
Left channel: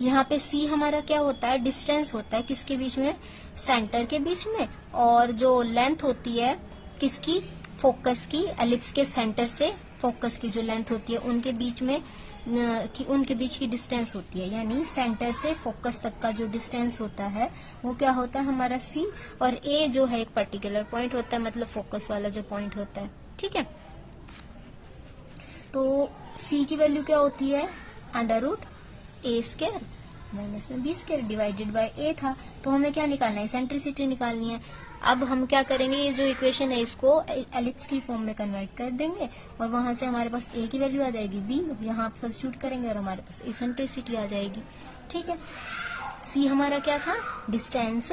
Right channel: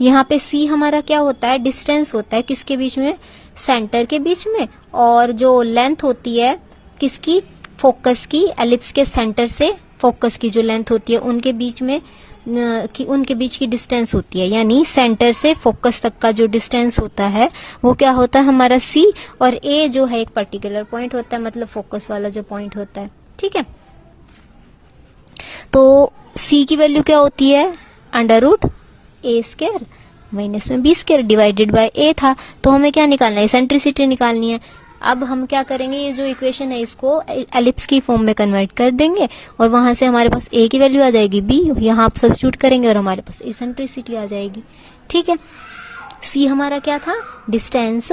यहाँ पे c हमारा क्या होता है, डिस्टेंस होता है किसके बीच में, सेंटर के बीच में, और जो लेंथ होती है किसकी, फोकस की, एलिप्स के सेंटर से फोकस की जो लेंथ होती है उनके बीच में उनके बीच की डिस्टेंस होती है, यानी सेंटर से फोकस तक का जो डिस्टेंस होता है वो क्या होता है हमारा c, और a जो है एक पर्टिकुलर पॉइंट होता है, मतलब फोकस वाला जो पॉइंट होता है, ठीक है। तो c की वैल्यू क्या होती है, √a² माइनस में b square divided bye a था। तो हमें क्या निकालना है, इसेंट्रिसिटी निकालनी है। अब हम क्या करेंगे, ये जो इक्वेशन है इसको एलिप्स की फॉर्म में कन्वर्ट कर देंगे, और वहां से हमारे पास a की वैल्यू आ जाएगी, b यहाँ आप सब्स्टिट्यूट करेंगे और हमारे पास इसेंट्रिसिटी आ जाएगी, ठीक है। c हमारा क्या था, distance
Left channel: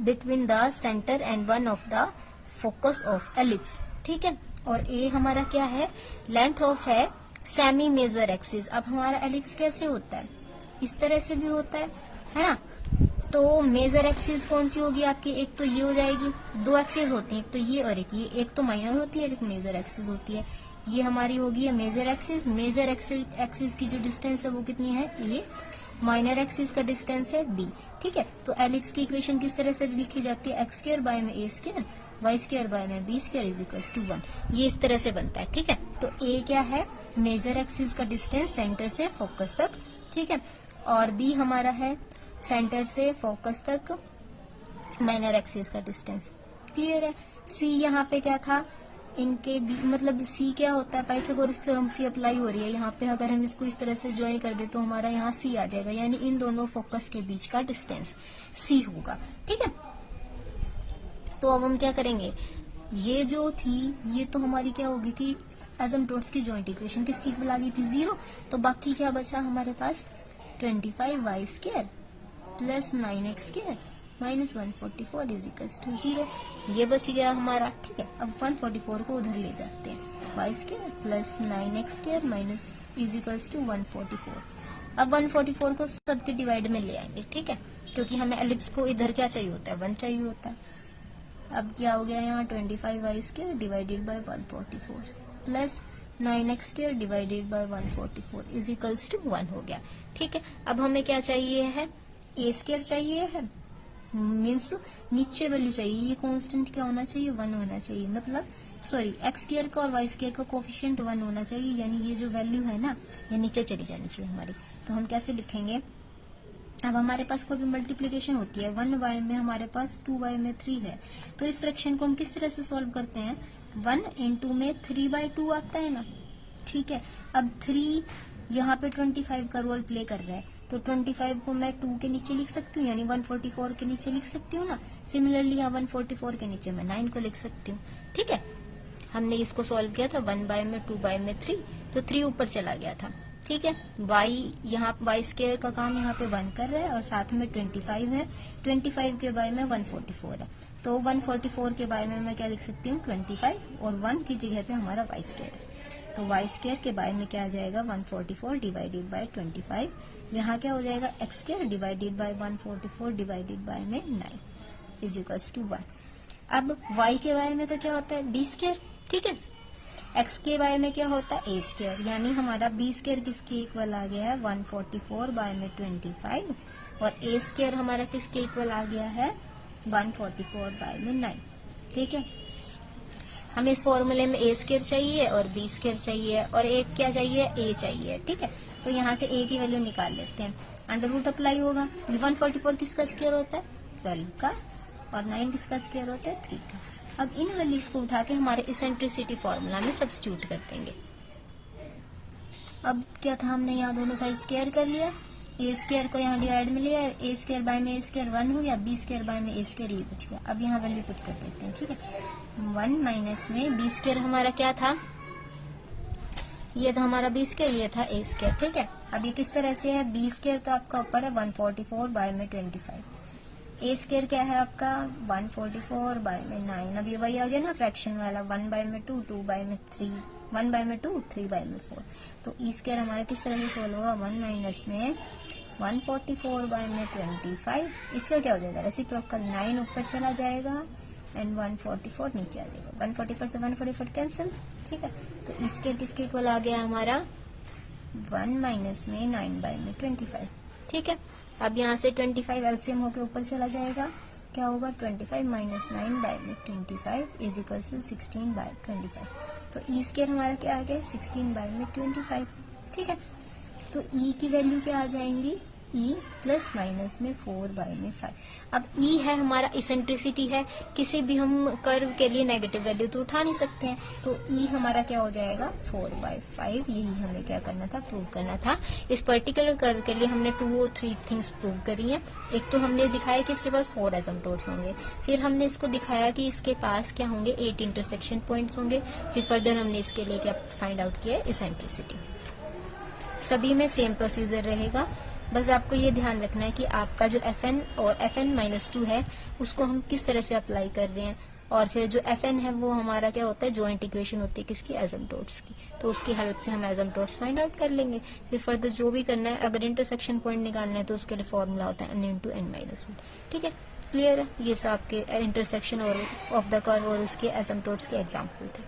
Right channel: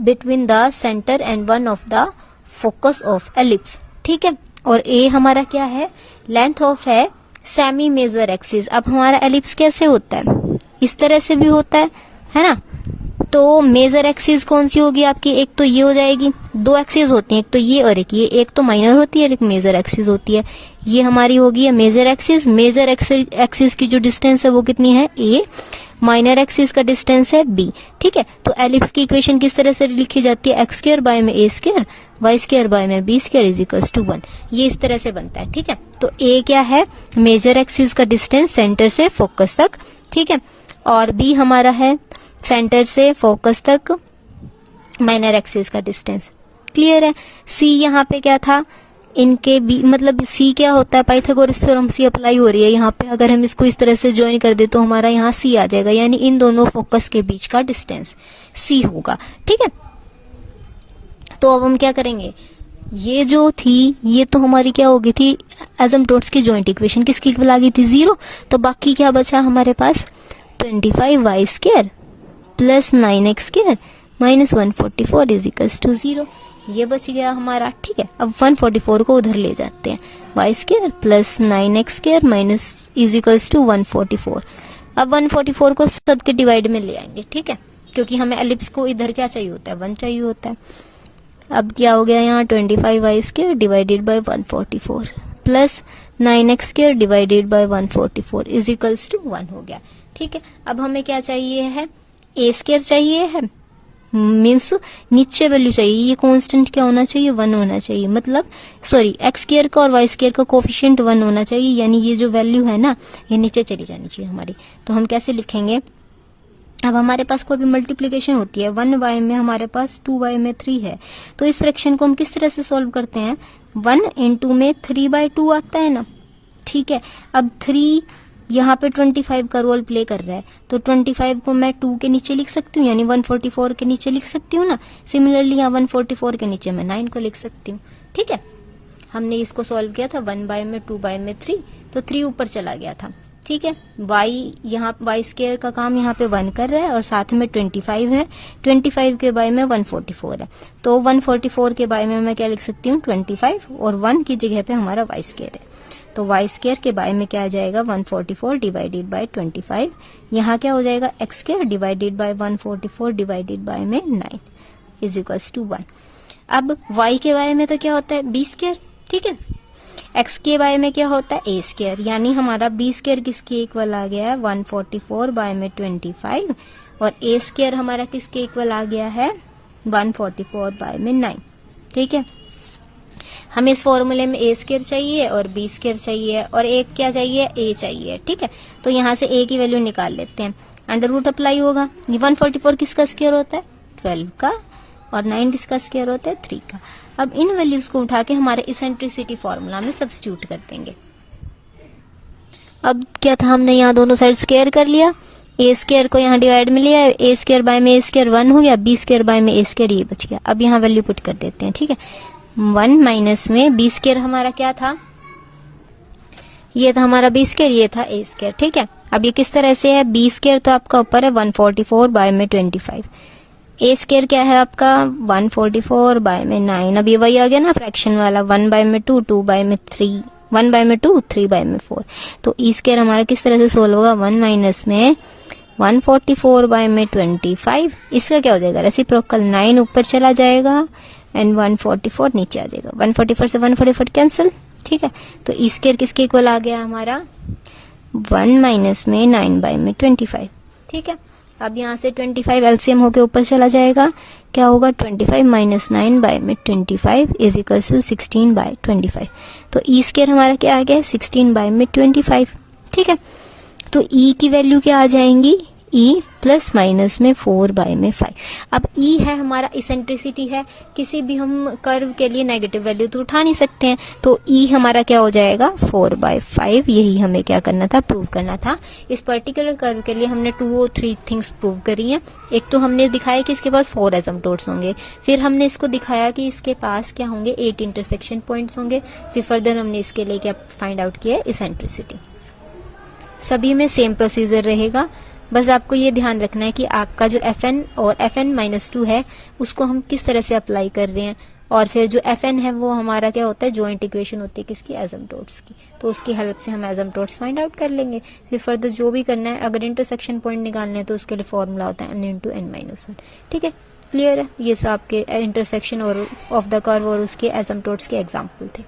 between the centre and one of the focus of ellipse, ठीक है। और a हमारा क्या है, लेंथ ऑफ है सेमी मेजर एक्सिस। अब हमारा एलिप्स कैसे होता है, इस तरह से भी होता है ना। तो मेजर एक्सिस कौन सी होगी आपकी, एक तो ये हो जाएगी, दो एक्सिस होती हैं, एक तो ये और एक ये, एक तो माइनर होती है और एक मेजर एक्सिस होती है। ये हमारी होगी मेजर एक्सिस। मेजर एक्सिस की जो डिस्टेंस है वो कितनी है, ए, माइनर एक्सिस का डिस्टेंस है बी। ठीक है, तो एलिप्स की इक्वेशन किस तरह से लिखी जाती है, एक्स स्क्वायर बाय में a square y square by में b square is equals to 1। ये इस तरह से बनता है। ठीक है, तो ए क्या है, मेजर एक्सिस का डिस्टेंस सेंटर से फोकस तक। ठीक है, और बी हमारा है सेंटर से फोकस तक माइनर एक्सिस का डिस्टेंस। क्लियर है। सी यहाँ पे क्या था, इनके बी मतलब सी क्या होता है, पाइथागोरस थ्योरम सी अप्लाई हो रही है यहाँ पे। अगर हम इसको इस तरह से ज्वाइन कर दे तो हमारा यहाँ सी आ जाएगा, यानी इन दोनों फोकस के बीच का डिस्टेंस सी होगा। ठीक है, तो अब हम क्या करेंगे, ये जो थी ये तो हमारी क्या हो गई थी, एसिम्प्टोट्स की जॉइंट इक्वेशन किसकी इक्वल आ गई थी, 0। तो बाकी क्या बचा हमारे पास, 25y square plus 9x square minus 144 is equals to 0। ये बच गया हमारा। ठीक है, अब 144 को उधर ले जाते हैं, y square plus 9x square minus is equals to 144। अब 144 को सबके डिवाइड में ले आएंगे। ठीक है, क्योंकि हमें एलिप्स को इधर क्या चाहिए होता है, 1 चाहिए होता है। अब क्या हो गया यहाँ, 25y square divided by 144 plus 9x square divided by 144 is equals to 1 हो गया। ठीक है, अब हमें क्या चाहिए है, ए स्क्वायर चाहिए है, मीन्स नीचे वैल्यू चाहिए, ये कांस्टेंट क्या होना चाहिए, 1 होना चाहिए। मतलब सॉरी, एक्स स्क्वायर का और वाई स्क्वायर का कोफिशिएंट 1 होना चाहिए, यानी ये जो वैल्यू है ना ये नीचे चली जानी चाहिए हमारी। तो हम कैसे लिखेंगे, अब हमारे पास कोई भी मल्टीप्लिकेशन होती है, 1y में हमारे पास 2y में 3 है, तो इस फ्रैक्शन को हम किस तरह से सॉल्व करते हैं, 1 इंटू में 3/2 आता है ना। ठीक है, अब 3 यहाँ पे 25 का रोल प्ले कर रहा है, तो 25 को मैं 2 के नीचे लिख सकती हूँ, यानी 144 के नीचे लिख सकती हूँ ना। सिमिलरली यहाँ 144 के नीचे मैं 9 को लिख सकती हूँ। ठीक है, हमने इसको सॉल्व किया था 1 में 2 में 3, तो 3 ऊपर चला गया था। ठीक है, यहाँ वाई स्क्वायर का काम यहाँ पे 1 कर रहा है और साथ में 25 है, 25 के बाय में 144 है, तो 144 के बाय में मैं क्या लिख सकती हूँ, 25, और 1 की जगह पे हमारा वाई स्क्वायर है, तो वाई स्क्वायर के बाय में क्या आ जाएगा, 144 डिवाइडेड बाय 25। यहाँ क्या हो जाएगा, x square divided by 144 divided by में 9 इज इक्वल्स टू 1। अब वाई के बाय में तो क्या होता है, बी स्क्वायर। ठीक है, एक्स के बाय में क्या होता है, ए स्क्वायर, यानी हमारा बी स्क्वायर किसके इक्वल आ गया है, 144 बाय में 25, और ए स्क्वायर हमारा किसके इक्वल आ गया है, 144 बाय में 9। ठीक है, हमें इस फॉर्मूले में ए स्क्वायर चाहिए और बी स्क्वायर चाहिए और एक क्या चाहिए, ए चाहिए। ठीक है, तो यहाँ से ए की वैल्यू निकाल लेते हैं, अंडर रूट अप्लाई होगा। 144 किसका स्क्वायर होता है, 12 का, और 9 किसका स्क्वायर होता है, 3 का। अब इन वैल्यूज को उठा के हमारे इसेंट्रिसिटी फॉर्मूला में सब्स्टिट्यूट कर देंगे। अब क्या था, हमने यहाँ दोनों साइड स्क्वायर कर लिया, ए स्क्वायर को यहाँ डिवाइड में लिया, ए स्क्वायर बाय में ए स्क्वायर 1 हो गया, बी स्क्वायर बाय में ए स्क्वायर ये बच गया। अब यहाँ वैल्यू पुट कर देते हैं। ठीक है, 1 माइनस में बी स्क्वायर हमारा क्या था, ये था हमारा बी स्क्वायर, ये था ए स्क्वायर। ठीक है, अब ये किस तरह से है, बी स्क्वायर तो आपका ऊपर है 144 बाय में 25, ए स्क्वायर क्या है आपका 144 बाय में 9। अब ये वही आ गया ना फ्रैक्शन वाला, 1 बाय में 2, 2 बाय में 3, 1 बाय में 2, 3 बाय में 4। तो ई स्क्वायर हमारा किस तरह से सोल्व होगा, 1 माइनस में 144 बाय में 25, इसका क्या हो जाएगा, रेसिप्रोकल 9 ऊपर चला जाएगा एंड 144 नीचे आ जाएगा, 144 से 144 कैंसिल। ठीक है, तो ई स्क्वायर किसके इक्वल आ गया हमारा, 1 माइनस में 9 बाय में 25। ठीक है, अब यहाँ से 25 एलसीएम होके ऊपर चला जाएगा, क्या होगा, 25 माइनस 9 बाय में 25 इज इक्वल टू 16 बाय 25। तो ई स्क्वायर हमारा क्या आ गया, 16 बाय में 25। ठीक है, तो ई की वैल्यू क्या आ जाएंगी, ई प्लस माइनस में 4 बाय में 5। अब ई है हमारा इसेंट्रिसिटी है, किसी भी हम कर्व के लिए नेगेटिव वैल्यू तो उठा नहीं सकते हैं, तो ई हमारा क्या हो जाएगा 4/5। यही हमें क्या करना था, प्रूव करना था। इस पर्टिकुलर कर्व के लिए हमने 2 और 3 थिंग्स प्रूव करी हैं। एक तो हमने दिखाया कि इसके पास 4 एसिम्प्टोट्स होंगे, फिर हमने इसको दिखाया कि इसके पास क्या होंगे, 8 इंटरसेक्शन पॉइंट्स होंगे, फिर फर्दर हमने इसके लिए क्या फाइंड आउट किया, इसेंट्रिसिटी। सभी में सेम प्रोसीजर रहेगा, बस आपको ये ध्यान रखना है कि आपका जो Fn और Fn-2 है उसको हम किस तरह से अप्लाई कर रहे हैं। और फिर जो एफ एन है वो हमारा क्या होता है, जॉइंट इक्वेशन होती है किसकी, एसिम्प्टोट्स की, तो उसकी हेल्प से हम एसिम्प्टोट्स फाइंड आउट कर लेंगे। फिर फर्दर जो भी करना है, अगर इंटरसेक्शन पॉइंट निकालने हैं तो उसके लिए फॉर्मूला होता है n इंटू n माइनस 1। ठीक है, क्लियर है, ये सब आपके इंटरसेक्शन और ऑफ द कर्व और उसके एसिम्प्टोट्स के एग्जाम्पल थे।